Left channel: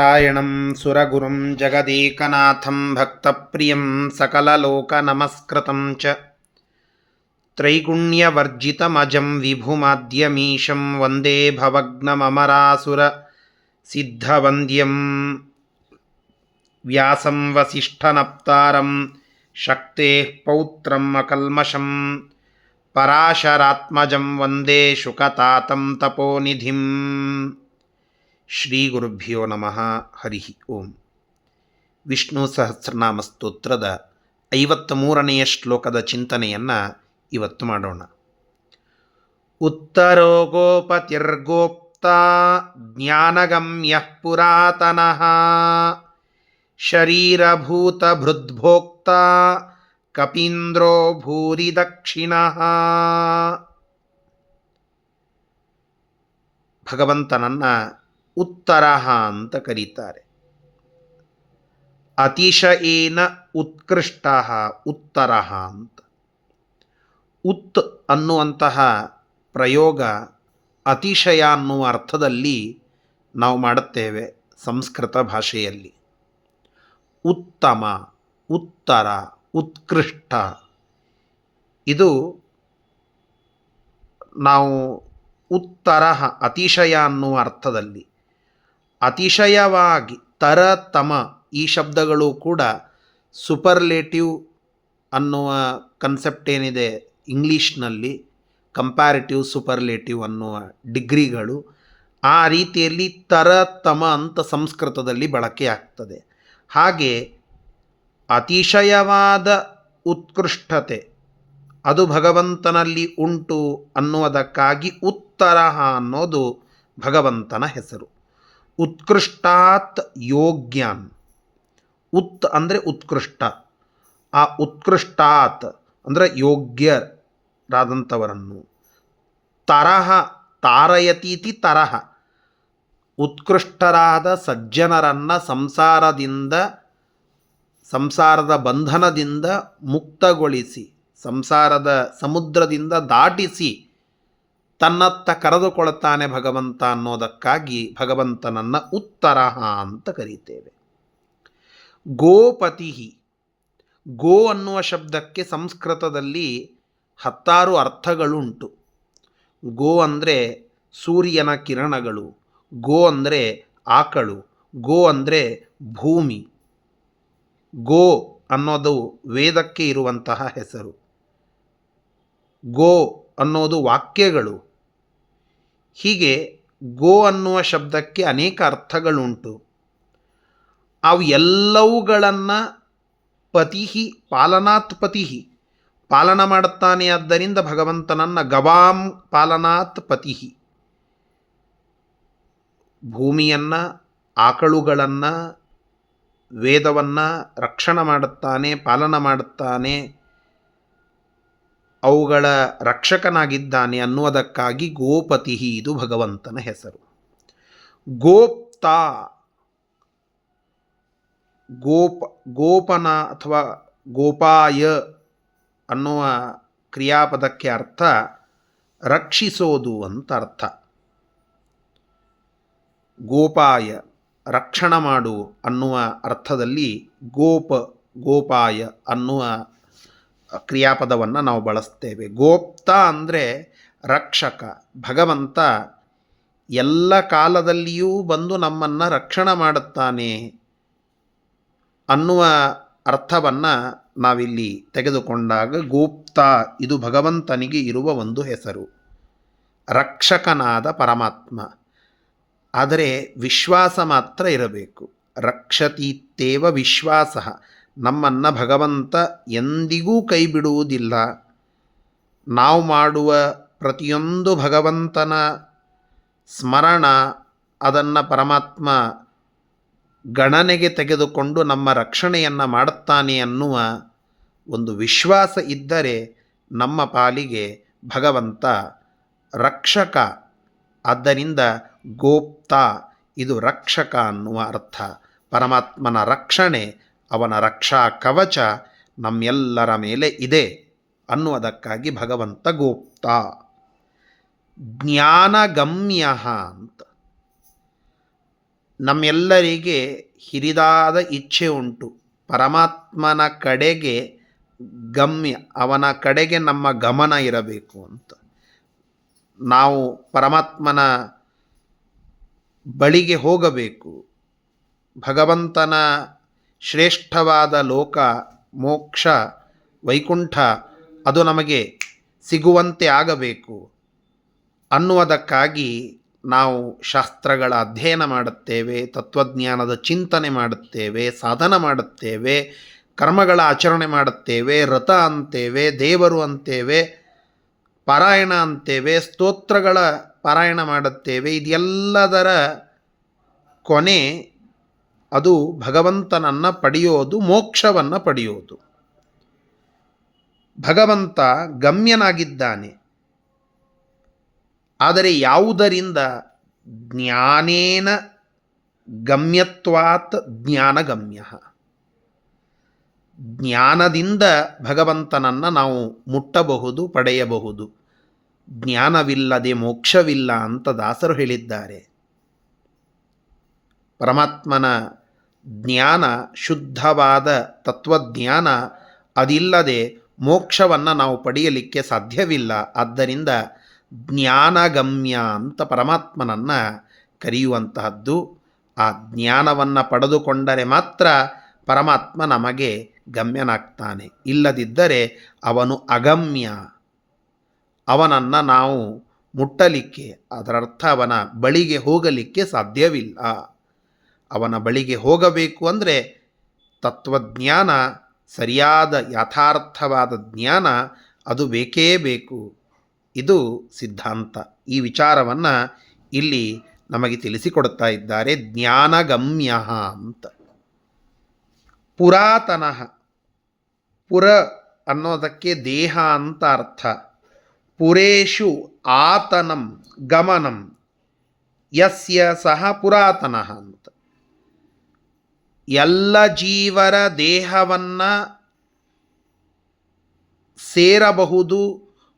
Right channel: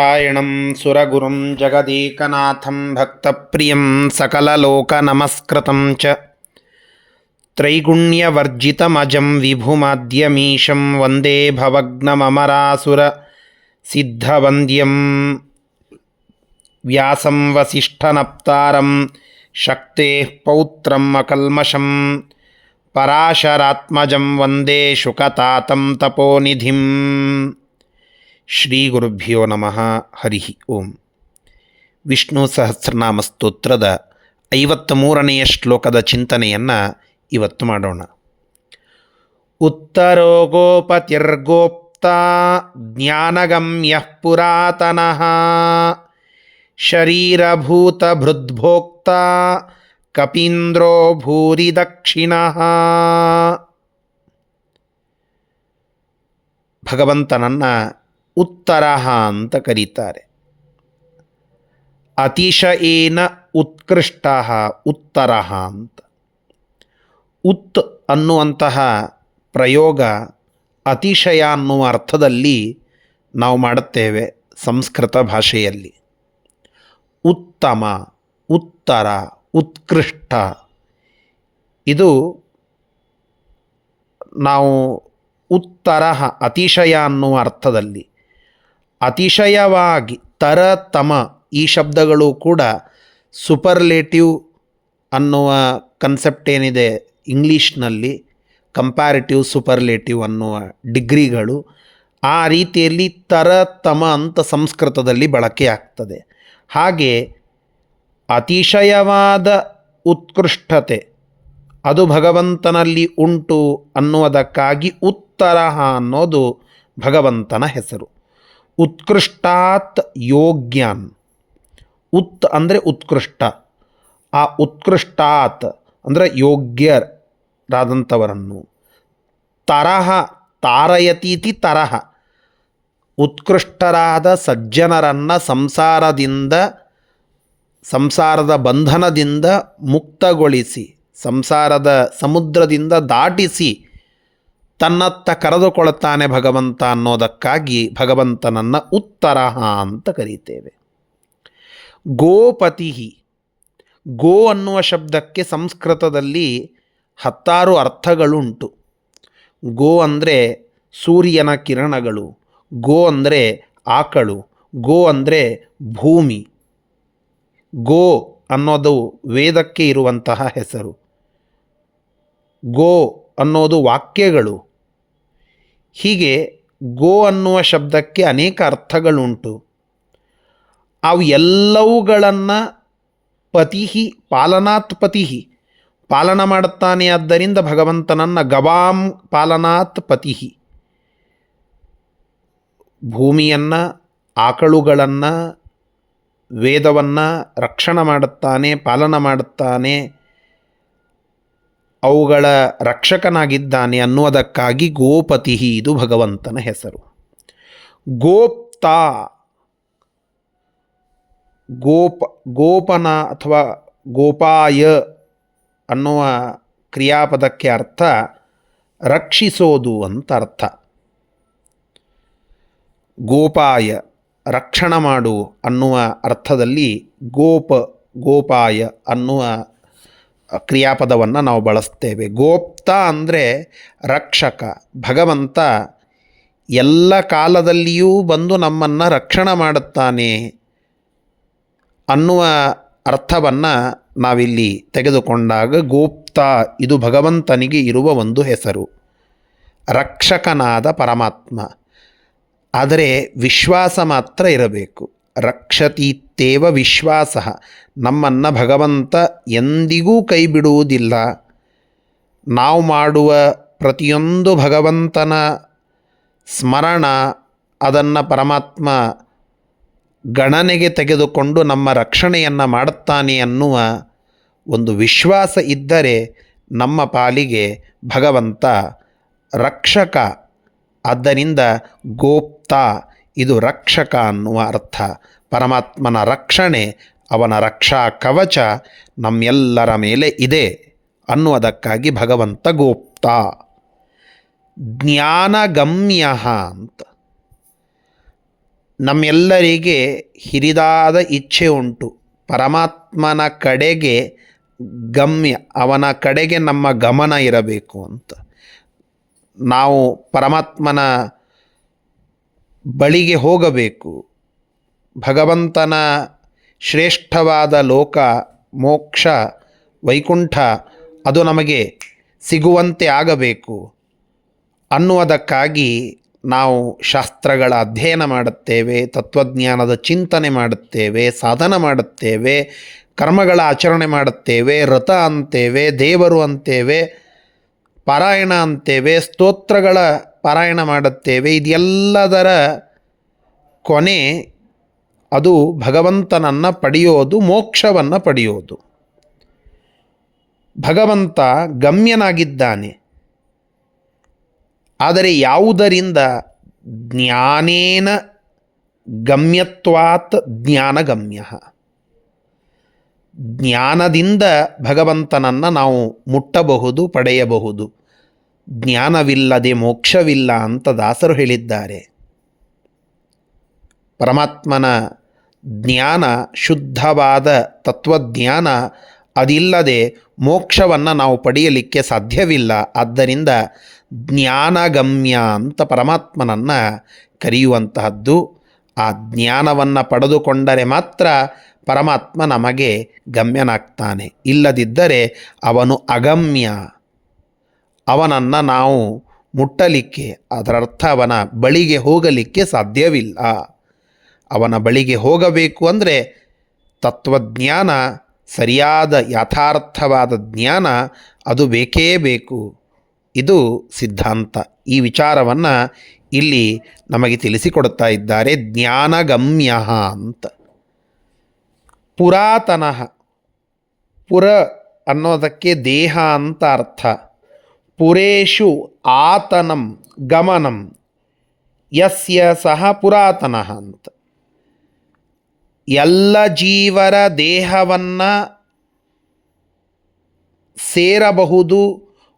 ನಾರಾಯಣಂ ಸುರಗುರುಂ ಜಗದೇಕನಾಥಂ ಭಕ್ತಪ್ರಿಯಂ ಸಕಲಲೋಕನಮಸ್ಕೃತಂ ಚ ತ್ರೈಗುಣ್ಯವರ್ಜಿತಮಜಂ ವಿಭುಮಾದ್ಯಮೀಶಂ ವಂದೇ ಭವಗ್ನಮರಾಸುರ ಸಿದ್ಧವಂದ್ಯಂ ವ್ಯಾಸಂ ವಸಿಷ್ಠನಪ್ತಾರಂ ಶಕ್ತೇಃ ಪೌತ್ರಂ ಅಕಲ್ಮಷಂ ಪರಾಶರಾತ್ಮಜಂ ವಂದೇ ಶುಕತಾತಂ ತಪೋನಿಧಿಂ. ಶ್ರೀ ಗುರುಭ್ಯೋ ನಮಃ. ಹರಿ ಓಂ. ವಿಷ್ಣು ಸಹಸ್ರನಾಮ ಸ್ತೋತ್ರದ 53ನೆಯ ಶ್ಲೋಕದ ಚಿಂತನೆಯನ್ನು ಇವತ್ತು ಮಾಡೋಣ. ಉತ್ತರೋ ಗೋಪತಿರ್ಗೋಪ್ತ ಜ್ಞಾನಗಮ್ಯಃ ಪುರಾತನಃ ಶರೀರಭೂತಭೃದ್ಭೋಕ್ತ ಕಪೀಂದ್ರೋ ಭೂರಿ ದಕ್ಷಿಣಃ. ಭಗವಂತನನ್ನು ಉತ್ತರ ಅಂತ ಕರೀತಾರೆ. ಅತಿಶಯೇನ ಉತ್ಕೃಷ್ಟ ಉತ್ತರ ಅಂತ. ಉತ್ ಅನ್ನುವಂತಹ ಪ್ರಯೋಗ ಅತಿಶಯ ಅನ್ನುವ ಅರ್ಥದಲ್ಲಿ ನಾವು ಮಾಡುತ್ತೇವೆ ಸಂಸ್ಕೃತ ಭಾಷೆಯಲ್ಲಿ. ಉತ್ತಮ, ಉತ್ತರ, ಉತ್ಕೃಷ್ಟ, ಇದು ನಾವು ಉತ್ತರ ಅತಿಶಯ ಅನ್ನುವ ಅರ್ಥದಲ್ಲಿ. ಅತಿಶಯವಾಗಿ, ತರತಮ, ಈ ಶಬ್ದಗಳು ಕೂಡ ಸೂಪರ್ಲೇಟಿವ್ ಅನ್ನುವ ಕನ್ಸೆಪ್ಟ್ ಏನಿದೆ ಇಂಗ್ಲೀಷ್ನಲ್ಲಿ, ಕಂಪ್ಯಾರಿಟಿವ್ ಸೂಪರ್ಲೇಟಿವ್ ಅನ್ನುವ ಡಿಗ್ರಿಗಳು, ಆ ರೀತಿಯಲ್ಲಿ ತರತಮ ಅಂತ ಸಂಸ್ಕೃತದಲ್ಲಿ ಬಳಕೆ ಆಗ್ತದೆ. ಹಾಗೆ ಅತಿಶಯವಾದ ಉತ್ಕೃಷ್ಟತೆ ಅದು ಭಗವಂತನಲ್ಲಿ ಉಂಟು ಅನ್ನುವುದಕ್ಕಾಗಿ ಉತ್ತರ ಅನ್ನೋದು ಭಗವಂತನ ಹೆಸರು. ಉತ್ಕೃಷ್ಟಾತ್ ಯೋಗ್ಯಾನ್. ಉತ್ ಅಂದರೆ ಉತ್ಕೃಷ್ಟ, ಆ ಉತ್ಕೃಷ್ಟಾತ್ ಅಂದರೆ ಯೋಗ್ಯರಾದಂಥವರನ್ನು. ತರಹ ತಾರಯತೀತಿ ತರಹ, ಉತ್ಕೃಷ್ಟರಾದ ಸಜ್ಜನರನ್ನು ಸಂಸಾರದ ಬಂಧನದಿಂದ ಮುಕ್ತಗೊಳಿಸಿ, ಸಂಸಾರದ ಸಮುದ್ರದಿಂದ ದಾಟಿಸಿ ತನ್ನತ್ತ ಕರೆದುಕೊಳ್ತಾನೆ ಭಗವಂತ ಅನ್ನೋದಕ್ಕಾಗಿ ಭಗವಂತನನ್ನು ಉತ್ತರ ಅಂತ ಕರೀತೇವೆ. ಗೋಪತಿ. ಗೋ ಅನ್ನುವ ಶಬ್ದಕ್ಕೆ ಸಂಸ್ಕೃತದಲ್ಲಿ 10 ಅರ್ಥಗಳುಂಟು. ಗೋ ಅಂದರೆ ಸೂರ್ಯನ ಕಿರಣಗಳು, ಗೋ ಅಂದರೆ ಆಕಳು, ಗೋ ಅಂದರೆ ಭೂಮಿ. ಗೋ ಅನ್ನೋದು ವೇದಕ್ಕೆ ಇರುವಂತಹ ಹೆಸರು. ಗೋ ಅನ್ನೋದು ವಾಕ್ಯಗಳು. ಹೀಗೆ ಗೋ ಅನ್ನುವ ಶಬ್ದಕ್ಕೆ ಅನೇಕ ಅರ್ಥಗಳುಂಟು. ಅವು ಎಲ್ಲವುಗಳನ್ನು ಪತಿ, ಪಾಲನಾತ್ ಪತಿ, ಪಾಲನ ಮಾಡುತ್ತಾನೆ. ಆದ್ದರಿಂದ ಭಗವಂತನನ್ನು ಗವಾಂ ಪಾಲನಾತ್ ಪತಿ, ಭೂಮಿಯನ್ನು, ಆಕಳುಗಳನ್ನು, ವೇದವನ್ನು ರಕ್ಷಣೆ ಮಾಡುತ್ತಾನೆ, ಪಾಲನ ಮಾಡುತ್ತಾನೆ, ಅವುಗಳ ರಕ್ಷಕನಾಗಿದ್ದಾನೆ ಅನ್ನುವುದಕ್ಕಾಗಿ ಗೋಪತಿ, ಇದು ಭಗವಂತನ ಹೆಸರು. ಗೋಪ್ತ, ಗೋಪನ ಅಥವಾ ಗೋಪಾಯ ಅನ್ನುವ ಕ್ರಿಯಾಪದಕ್ಕೆ ಅರ್ಥ ರಕ್ಷಿಸೋದು ಅಂತ ಅರ್ಥ. ಗೋಪಾಯ, ರಕ್ಷಣೆ ಮಾಡು ಅನ್ನುವ ಅರ್ಥದಲ್ಲಿ ಗೋಪಾಯ ಅನ್ನುವ ಕ್ರಿಯಾಪದವನ್ನು ನಾವು ಬಳಸ್ತೇವೆ. ಗೋಪ್ತ ಅಂದರೆ ರಕ್ಷಕ. ಭಗವಂತ ಎಲ್ಲ ಕಾಲದಲ್ಲಿಯೂ ಬಂದು ನಮ್ಮನ್ನು ರಕ್ಷಣೆ ಮಾಡುತ್ತಾನೆ ಅನ್ನುವ ಅರ್ಥವನ್ನು ನಾವಿಲ್ಲಿ ತೆಗೆದುಕೊಂಡಾಗ ಗೋಪ್ತ ಇದು ಭಗವಂತನಿಗೆ ಇರುವ ಒಂದು ಹೆಸರು, ರಕ್ಷಕನಾದ ಪರಮಾತ್ಮ. ಆದರೆ ವಿಶ್ವಾಸ ಮಾತ್ರ ಇರಬೇಕು. ರಕ್ಷತೀತ್ಯೇವ ವಿಶ್ವಾಸ. ನಮ್ಮನ್ನು ಭಗವಂತ ಎಂದಿಗೂ ಕೈ ಬಿಡುವುದಿಲ್ಲ. ನಾವು ಮಾಡುವ ಪ್ರತಿಯೊಂದು ಭಗವಂತನ ಸ್ಮರಣ, ಅದನ್ನು ಪರಮಾತ್ಮ ಗಣನೆಗೆ ತೆಗೆದುಕೊಂಡು ನಮ್ಮ ರಕ್ಷಣೆಯನ್ನು ಮಾಡುತ್ತಾನೆ ಅನ್ನುವ ಒಂದು ವಿಶ್ವಾಸ ಇದ್ದರೆ ನಮ್ಮ ಪಾಲಿಗೆ ಭಗವಂತ ರಕ್ಷಕ. ಆದ್ದರಿಂದ ಗೋಪ್ತ ಇದು ರಕ್ಷಕ ಅನ್ನುವ ಅರ್ಥ. ಪರಮಾತ್ಮನ ರಕ್ಷಣೆ, ಅವನ ರಕ್ಷಾ ಕವಚ ನಮ್ಮೆಲ್ಲರ ಮೇಲೆ ಇದೆ ಅನ್ನುವುದಕ್ಕಾಗಿ ಭಗವಂತ ಗೋಪ್ತ. ಜ್ಞಾನಗಮ್ಯ ಅಂತ. ನಮ್ಮೆಲ್ಲರಿಗೆ ಹಿರಿದಾದ ಇಚ್ಛೆ ಉಂಟು. ಪರಮಾತ್ಮನ ಕಡೆಗೆ ಗಮ್ಯ, ಅವನ ಕಡೆಗೆ ನಮ್ಮ ಗಮನ ಇರಬೇಕು ಅಂತ. ನಾವು ಪರಮಾತ್ಮನ ಬಳಿಗೆ ಹೋಗಬೇಕು. ಭಗವಂತನ ಶ್ರೇಷ್ಠವಾದ ಲೋಕ, ಮೋಕ್ಷ, ವೈಕುಂಠ ಅದು ನಮಗೆ ಸಿಗುವಂತೆ ಆಗಬೇಕು ಅನ್ನುವುದಕ್ಕಾಗಿ ನಾವು ಶಾಸ್ತ್ರಗಳ ಅಧ್ಯಯನ ಮಾಡುತ್ತೇವೆ, ತತ್ವಜ್ಞಾನದ ಚಿಂತನೆ ಮಾಡುತ್ತೇವೆ, ಸಾಧನ ಮಾಡುತ್ತೇವೆ, ಕರ್ಮಗಳ ಆಚರಣೆ ಮಾಡುತ್ತೇವೆ, ವ್ರತ ಅಂತೇವೆ, ದೇವರು ಅಂತೇವೆ, ಪಾರಾಯಣ ಅಂತೇವೆ, ಸ್ತೋತ್ರಗಳ ಪಾರಾಯಣ ಮಾಡುತ್ತೇವೆ. ಇದೆಲ್ಲದರ ಕೊನೆ ಅದು ಭಗವಂತನನ್ನು ಪಡೆಯೋದು, ಮೋಕ್ಷವನ್ನು ಪಡೆಯೋದು. ಭಗವಂತ ಗಮ್ಯನಾಗಿದ್ದಾನೆ. ಆದರೆ ಯಾವುದರಿಂದ? ಜ್ಞಾನೇನ ಗಮ್ಯತ್ವಾತ್ ಜ್ಞಾನಗಮ್ಯ. ಜ್ಞಾನದಿಂದ ಭಗವಂತನನ್ನು ನಾವು ಮುಟ್ಟಬಹುದು, ಪಡೆಯಬಹುದು. ಜ್ಞಾನವಿಲ್ಲದೆ ಮೋಕ್ಷವಿಲ್ಲ ಅಂತ ದಾಸರು ಹೇಳಿದ್ದಾರೆ. ಪರಮಾತ್ಮನ ಜ್ಞಾನ, ಶುದ್ಧವಾದ ತತ್ವಜ್ಞಾನ, ಅದಿಲ್ಲದೆ ಮೋಕ್ಷವನ್ನು ನಾವು ಪಡೆಯಲಿಕ್ಕೆ ಸಾಧ್ಯವಿಲ್ಲ. ಆದ್ದರಿಂದ ಜ್ಞಾನಗಮ್ಯ ಅಂತ ಪರಮಾತ್ಮನನ್ನು ಕರೆಯುವಂತಹದ್ದು. ಆ ಜ್ಞಾನವನ್ನು ಪಡೆದುಕೊಂಡರೆ ಮಾತ್ರ ಪರಮಾತ್ಮ ನಮಗೆ ಗಮ್ಯನಾಗ್ತಾನೆ. ಇಲ್ಲದಿದ್ದರೆ ಅವನು ಅಗಮ್ಯ. ಅವನನ್ನು ನಾವು ಮುಟ್ಟಲಿಕ್ಕೆ, ಅದರರ್ಥ ಅವನ ಬಳಿಗೆ ಹೋಗಲಿಕ್ಕೆ ಸಾಧ್ಯವಿಲ್ಲ. ಅವನ ಬಳಿಗೆ ಹೋಗಬೇಕು ಅಂದರೆ ತತ್ವಜ್ಞಾನ, ಸರಿಯಾದ ಯಥಾರ್ಥವಾದ ಜ್ಞಾನ ಅದು ಬೇಕೇ ಬೇಕು. ಇದು ಸಿದ್ಧಾಂತ. ಈ ವಿಚಾರವನ್ನು ಇಲ್ಲಿ ನಮಗೆ ತಿಳಿಸಿಕೊಡ್ತಾ ಇದ್ದಾರೆ. ಜ್ಞಾನಗಮ್ಯ ಅಂತ. ಪುರಾತನ, ಪುರ ಅನ್ನೋದಕ್ಕೆ ದೇಹ ಅಂತ ಅರ್ಥ. ಪುರೇಶು ಆತನಂ ಗಮನಂ ಯಸ್ಯ ಸಹ ಪುರಾತನ ಅಂತ. ಎಲ್ಲ ಜೀವರ ದೇಹವನ್ನು ಸೇರಬಹುದು,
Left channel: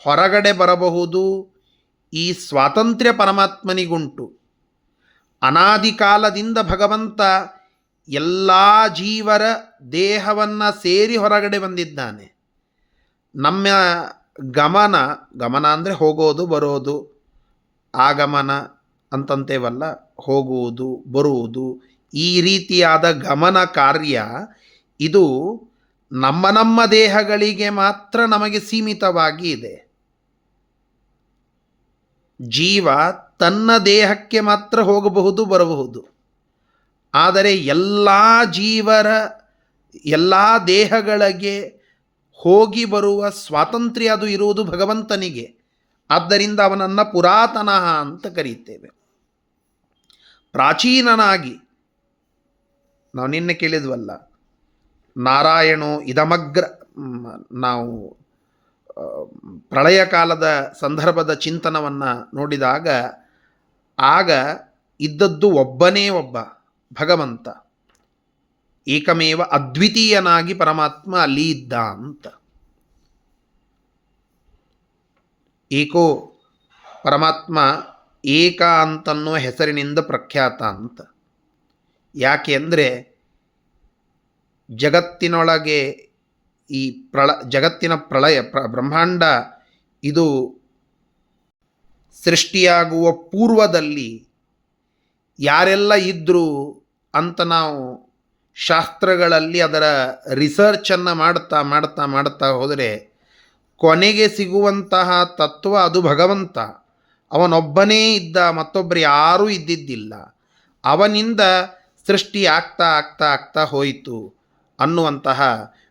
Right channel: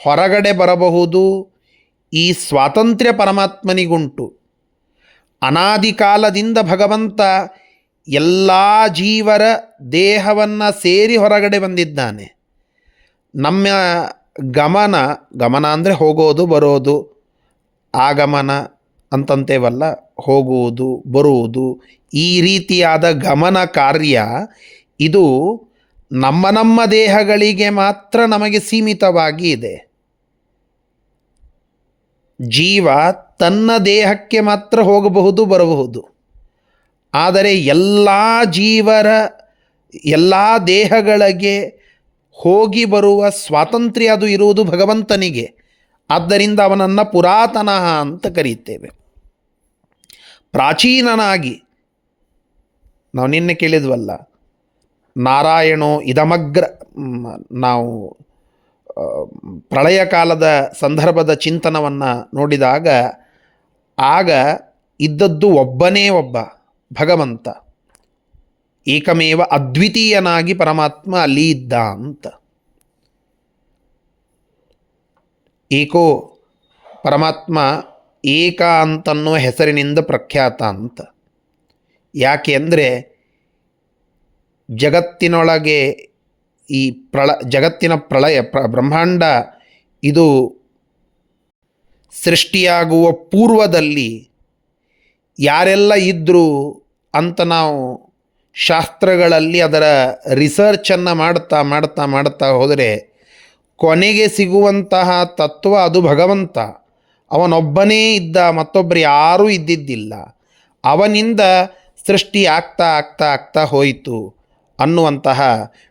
ಹೊರಗಡೆ ಬರಬಹುದು. ಈ ಸ್ವಾತಂತ್ರ್ಯ ಪರಮಾತ್ಮನಿಗುಂಟು. ಅನಾದಿ ಕಾಲದಿಂದ ಭಗವಂತ ಎಲ್ಲ ಜೀವರ ದೇಹವನ್ನು ಸೇರಿ ಹೊರಗಡೆ ಬಂದಿದ್ದಾನೆ. ನಮ್ಮ ಗಮನ ಅಂದರೆ ಹೋಗೋದು ಬರೋದು, ಆಗಮನ ಅಂತಂತೇವಲ್ಲ, ಹೋಗುವುದು ಬರುವುದು, ಈ ರೀತಿಯಾದ ಗಮನ ಕಾರ್ಯ ಇದು ನಮ್ಮ ದೇಹಗಳಿಗೆ ಮಾತ್ರ ನಮಗೆ ಸೀಮಿತವಾಗಿ ಇದೆ. ಜೀವ ತನ್ನ ದೇಹಕ್ಕೆ ಮಾತ್ರ ಹೋಗಬಹುದು ಬರಬಹುದು. ಆದರೆ ಎಲ್ಲ ಜೀವರ ಎಲ್ಲ ದೇಹಗಳಿಗೆ ಹೋಗಿ ಬರುವ ಸ್ವಾತಂತ್ರ್ಯ ಅದು ಇರುವುದು ಭಗವಂತನಿಗೆ. ಆದ್ದರಿಂದ ಅವನನ್ನು ಪುರಾತನ ಅಂತ ಕರೀತೇವೆ. ಪ್ರಾಚೀನನಾಗಿ, ನಾವು ನಿನ್ನೆ ಕೇಳಿದ್ವಲ್ಲ, ನಾರಾಯಣೋ ಇದಮಗ್ರ, ನಾವು ಪ್ರಳಯ ಕಾಲದ ಸಂದರ್ಭದ ಚಿಂತನವನ್ನು ನೋಡಿದಾಗ ಆಗ ಇದ್ದದ್ದು ಒಬ್ಬನೇ ಒಬ್ಬ ಭಗವಂತ. ಏಕಮೇವ ಅದ್ವಿತೀಯನಾಗಿ ಪರಮಾತ್ಮ ಅಲ್ಲಿ ಇದ್ದ ಅಂತ. ಏಕೋ ಪರಮಾತ್ಮ ಏಕ ಅಂತನ್ನೋ ಹೆಸರಿನಿಂದ ಪ್ರಖ್ಯಾತ ಅಂತ. ಯಾಕೆ ಅಂದರೆ ಜಗತ್ತಿನೊಳಗೆ ಈ ಜಗತ್ತಿನ ಪ್ರಳಯ ಬ್ರಹ್ಮಾಂಡ ಇದು ಸೃಷ್ಟಿಯಾಗುವ ಪೂರ್ವದಲ್ಲಿ ಯಾರೆಲ್ಲ ಇದ್ದರು ಅಂತ ನಾವು ಶಾಸ್ತ್ರಗಳಲ್ಲಿ ಅದರ ರಿಸರ್ಚನ್ನು ಮಾಡ್ತಾ ಹೋದರೆ ಕೊನೆಗೆ ಸಿಗುವಂತಹ ತತ್ವ ಅದು ಭಗವಂತ. ಅವನೊಬ್ಬನೇ ಇದ್ದ, ಮತ್ತೊಬ್ಬರು ಯಾರೂ ಇದ್ದಿದ್ದಿಲ್ಲ. ಅವನಿಂದ ಸೃಷ್ಟಿ ಆಗ್ತಾ ಹೋಯಿತು ಅನ್ನುವಂತಹ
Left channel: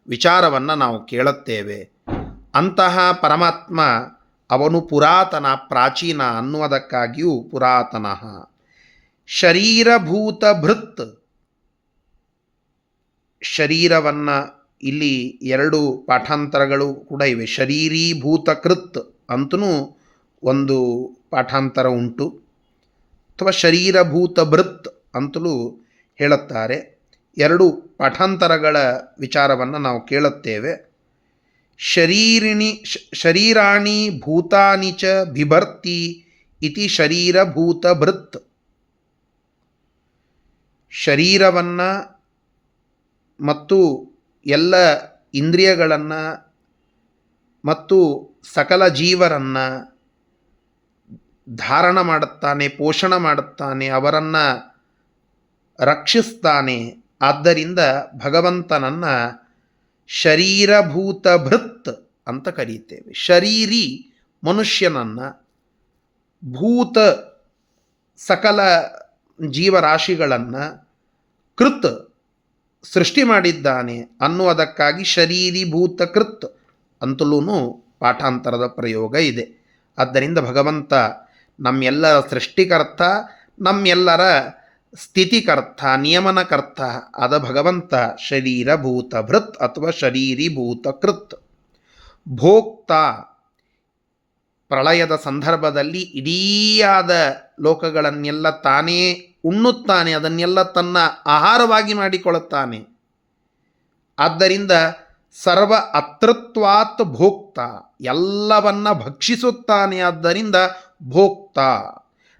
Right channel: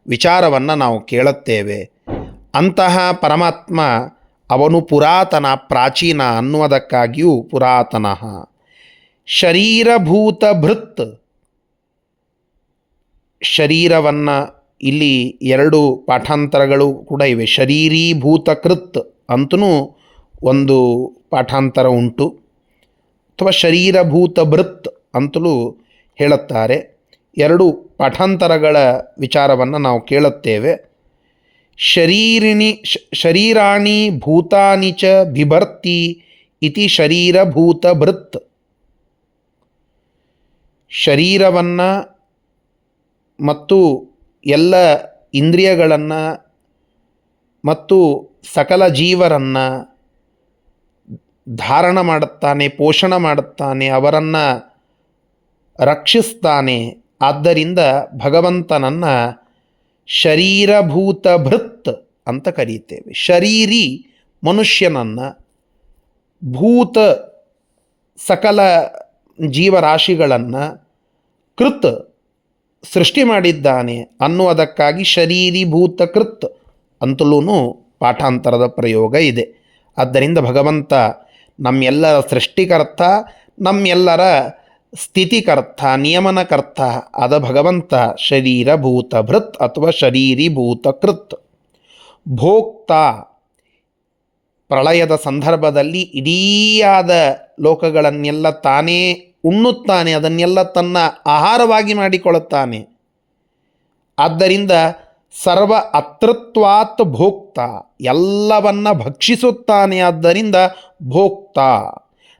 ವಿಚಾರವನ್ನು ನಾವು ಕೇಳುತ್ತೇವೆ. ಅಂತಹ ಪರಮಾತ್ಮ ಅವನು ಪುರಾತನ, ಪ್ರಾಚೀನ ಅನ್ನುವುದಕ್ಕಾಗಿಯೂ ಪುರಾತನ. ಶರೀರಭೂತ ಭೃತ್, ಶರೀರವನ್ನು ಇಲ್ಲಿ ಎರಡು ಪಾಠಾಂತರಗಳು ಕೂಡ ಇವೆ. ಶರೀರೀಭೂತಕೃತ್ ಅಂತಲೂ ಒಂದು ಪಾಠಾಂತರ ಉಂಟು, ಅಥವಾ ಶರೀರಭೂತ ಭೃತ್ ಅಂತಲೂ ಹೇಳುತ್ತಾರೆ. ಎರಡು ಪಾಠಾಂತರಗಳ ವಿಚಾರವನ್ನು ನಾವು ಕೇಳುತ್ತೇವೆ. ಶರೀರಾಣಿ ಭೂತಾನಿ ಚ ಬಿಭರ್ತಿ ಇತಿ ಶರೀರಭೂತ ಭೃತ್. ಶರೀರವನ್ನು ಮತ್ತು ಎಲ್ಲ ಇಂದ್ರಿಯಗಳನ್ನು ಮತ್ತು ಸಕಲ ಜೀವರನ್ನು ಧಾರಣ ಮಾಡುತ್ತಾನೆ, ಪೋಷಣೆ ಮಾಡುತ್ತಾನೆ, ಅವರನ್ನು ರಕ್ಷಿಸ್ತಾನೆ. ಆದ್ದರಿಂದ ಭಗವಂತನನ್ನು ಶರೀರಭೂತ ಭೃತ್ ಅಂತ ಕರೀತೇವೆ. ಶರೀರಿ ಮನುಷ್ಯನನ್ನು, ಭೂತ ಸಕಲ ಜೀವರಾಶಿಗಳನ್ನು, ಕೃತ್ ಸೃಷ್ಟಿ ಮಾಡಿದ್ದಾನೆ ಅನ್ನುವುದಕ್ಕಾಗಿ ಶರೀರೀಭೂತ ಕೃತ್ ಅಂತಲೂ ಪಾಠಾಂತರದ ಪ್ರಯೋಗ ಇದೆ. ಆದ್ದರಿಂದ ಭಗವಂತ ನಮ್ಮೆಲ್ಲರ ಸೃಷ್ಟಿಕರ್ತ, ನಮ್ಮೆಲ್ಲರ ಸ್ಥಿತಿಕರ್ತ, ನಿಯಮನಕರ್ತ ಆದ ಭಗವಂತ ಶರೀರಭೂತ ಭೃತ್ ಅಥವಾ ಶರೀರೀಭೂತ ಕೃತ್. ಭೋಕ್ತ, ಪ್ರಳಯದ ಸಂದರ್ಭದಲ್ಲಿ ಇಡೀಯಾದ ಲೋಕಗಳನ್ನೆಲ್ಲ ತಾನೇ ಉಣ್ಣುತ್ತಾನೆ, ಅದನ್ನೆಲ್ಲ ತನ್ನ ಆಹಾರವಾಗಿ ಮಾಡಿಕೊಳ್ಳುತ್ತಾನೆ. ಆದ್ದರಿಂದ ಸರ್ವ ಅತೃತ್ವಾತ್ ಭೋಕ್ತ, ಎಲ್ಲವನ್ನ ಭಕ್ಷಿಸುತ್ತಾನೆ. ಆದ್ದರಿಂದ ಭೋಕ್ತ,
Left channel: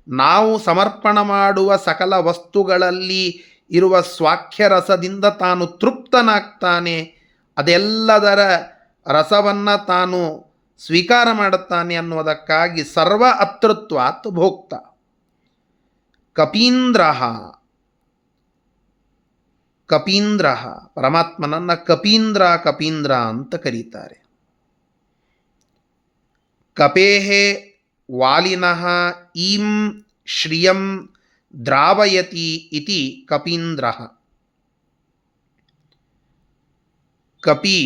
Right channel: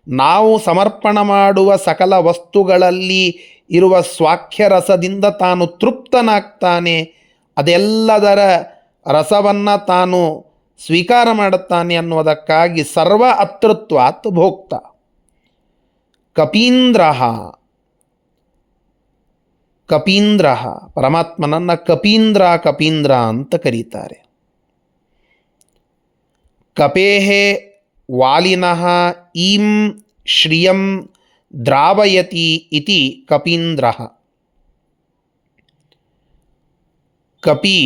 ನಾವು ಸಮರ್ಪಣ ಮಾಡುವ ಸಕಲ ವಸ್ತುಗಳಲ್ಲಿ ಇರುವ ಸ್ವಾಖ್ಯರಸದಿಂದ ತಾನು ತೃಪ್ತನಾಗ್ತಾನೆ. ಅದೆಲ್ಲದರ ರಸವನ್ನು ತಾನು ಸ್ವೀಕಾರ ಮಾಡುತ್ತಾನೆ ಅನ್ನುವುದಕ್ಕಾಗಿ ಸರ್ವ ಅತೃತ್ವಾತ್ ಭೋಕ್ತ. ಕಪೀಂದ್ರ, ಕಪೀಂದ್ರ ಪರಮಾತ್ಮನನ್ನು ಕಪೀಂದ್ರ ಕಪೀಂದ್ರ ಅಂತ ಕರೀತಾರೆ. ಕಪೇಹೇ ವಾಲಿನಃ ಈಂ ಶ್ರಿಯಂ ದ್ರಾವಯತಿ ಇತಿ ಕಪೀಂದ್ರ. ಕಪಿ,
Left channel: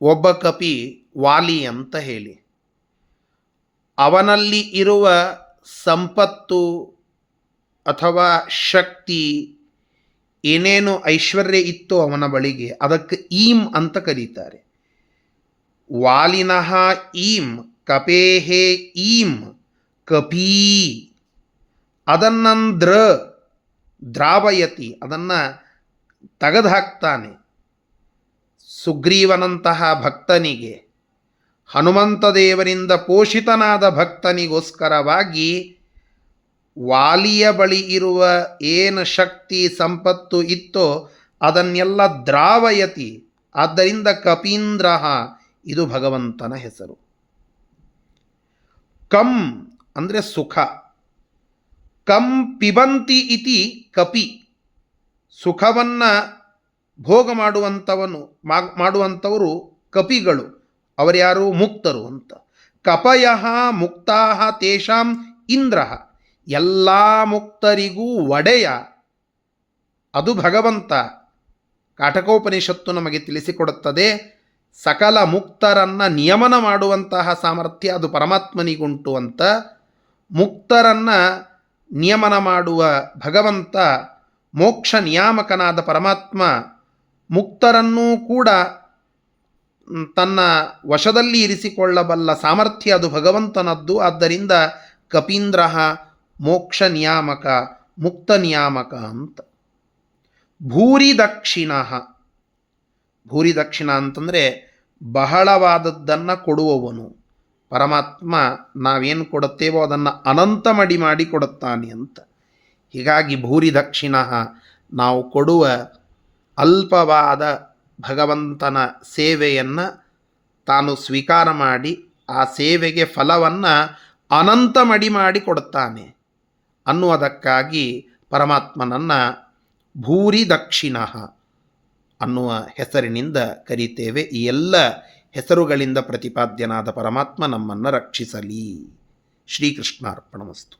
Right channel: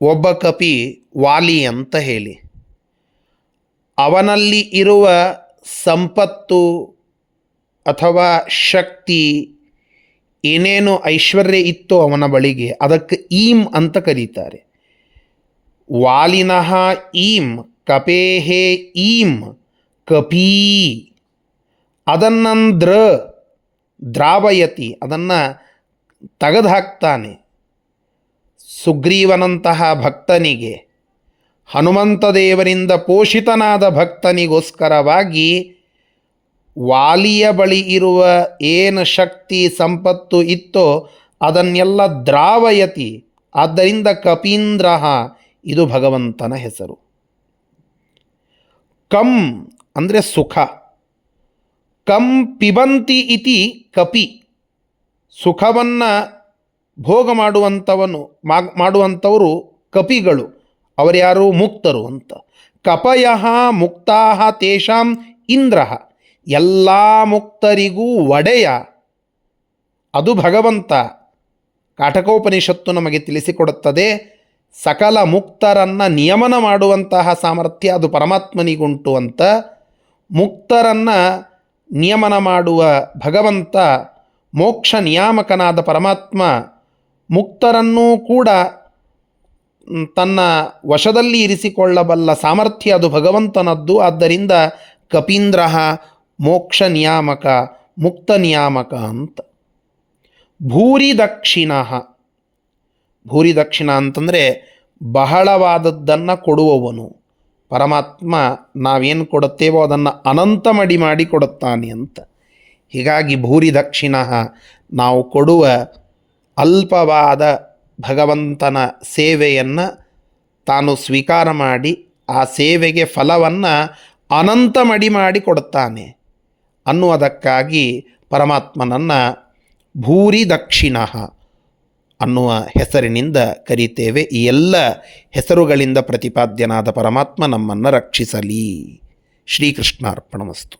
ಒಬ್ಬ ಕಪಿ ವಾಲಿ ಅಂತ ಹೇಳಿ, ಅವನಲ್ಲಿ ಇರುವ ಸಂಪತ್ತು ಅಥವಾ ಶಕ್ತಿ ಏನೇನು ಐಶ್ವರ್ಯ ಇತ್ತೋ ಅವನ ಬಳಿಗೆ, ಅದಕ್ಕೆ ಈಂ ಅಂತ ಕರೀತಾರೆ. ವಾಲಿನಃ ಈಂ ಕಪೇಹೇ ಈಂ ಕಪೀ, ಅದನ್ನಂದ್ರ ದ್ರಾವಯತಿ, ಅದನ್ನು ತೆಗೆದುಹಾಕ್ತಾನೆ. ಸುಗ್ರೀವನಂತಹ ಭಕ್ತನಿಗೆ, ಹನುಮಂತ ದೇವರಿಂದ ಪೋಷಿತನಾದ ಭಕ್ತನಿಗೋಸ್ಕರವಾಗಿ ವಾಲಿಯ ಬಳಿ ಇರುವ ಏನು ಶಕ್ತಿ ಸಂಪತ್ತು ಇತ್ತೋ ಅದನ್ನೆಲ್ಲ ದ್ರಾವಯತಿ. ಆದ್ದರಿಂದ ಕಪೀಂದ್ರ, ಇದು ಭಗವಂತನ ಹೆಸರು. ಕಂ ಅಂದರೆ ಸುಖ, ಕಂ ಪಿಬಂತಿ ಇತಿ ಕಪಿ, ಸುಖವನ್ನು ಭೋಗ ಮಾಡುವಂಥವರು ಕಪಿಗಳು. ಅವರ್ಯಾರು? ಮುಕ್ತರು ಅಂತ. ಕಪಯಃ ಮುಕ್ತಾಃ ತೇಷಾಂ ಇಂದ್ರಃ, ಎಲ್ಲ ಮುಕ್ತರಿಗೂ ಒಡೆಯ ಅದು ಭಗವಂತ. ಕಾಟಕೋಪನಿಷತ್ತು ನಮಗೆ ತಿಳಿಸಿಕೊಡುತ್ತದೆ, ಸಕಲ ಮುಕ್ತರನ್ನು ನಿಯಮನ ಮಾಡುವಂತಹ ಸಾಮರ್ಥ್ಯ ಅದು ಪರಮಾತ್ಮನಿಗುಂಟು ಅಂತ. ಮುಕ್ತರನ್ನು ನಿಯಮನ ಮಾಡುವ ಭಗವಂತ, ಮೋಕ್ಷ ನಿಯಾಮಕನಾದ ಪರಮಾತ್ಮ, ಮುಕ್ತರನ್ನೂ ಕೂಡ ತನ್ನ ವಶದಲ್ಲಿ ಇರಿಸಿಕೊಳ್ಳಬಲ್ಲ ಸಾಮರ್ಥ್ಯ ಅದು ಭಗವಂತನದ್ದು. ಆದ್ದರಿಂದ ಕಪೀಂದ್ರ ಮೋಕ್ಷ ನಿಯಾಮಕ, ಮುಕ್ತ ನಿಯಾಮಕ ಅಂತ. ಭೂರಿ ದಕ್ಷಿಣ, ಭೂರಿ ದಕ್ಷಿಣ ಅಂತಂದರೆ ಬಹಳವಾದದ್ದನ್ನು ಕೊಡುವವನು ಪರಮಾತ್ಮ. ನಾವೇನು ಕೊಡುತ್ತೇವೋ ಅದನ್ನು ಅನಂತ ಮಡಿ ಮಾಡಿ ಕೊಡುತ್ತಾನೆ ಅಂತ. ಹೀಗಾಗಿ ಭೂರಿ ದಕ್ಷಿಣ, ನಾವು ಕೊಡುವ ಅಲ್ಪವಾದ ಭಗವಂತನ ಸೇವೆಯನ್ನು ತಾನು ಸ್ವೀಕಾರ ಮಾಡಿ ಆ ಸೇವೆಗೆ ಫಲವನ್ನು ಅನಂತ ಮಡಿ ಮಾಡಿ ಕೊಡುತ್ತಾನೆ ಅನ್ನುವುದಕ್ಕಾಗಿ ಪರಮಾತ್ಮನನ್ನು ಭೂರಿ ದಕ್ಷಿಣ ಅನ್ನುವ ಹೆಸರಿನಿಂದ ಕರೀತೇವೆ. ಈ ಎಲ್ಲ ಹೆಸರುಗಳಿಂದ ಪ್ರತಿಪಾದ್ಯನಾದ ಪರಮಾತ್ಮ ನಮ್ಮನ್ನು ರಕ್ಷಿಸಲಿ. ಶ್ರೀಕೃಷ್ಣಾರ್ಪಣಮಸ್ತು.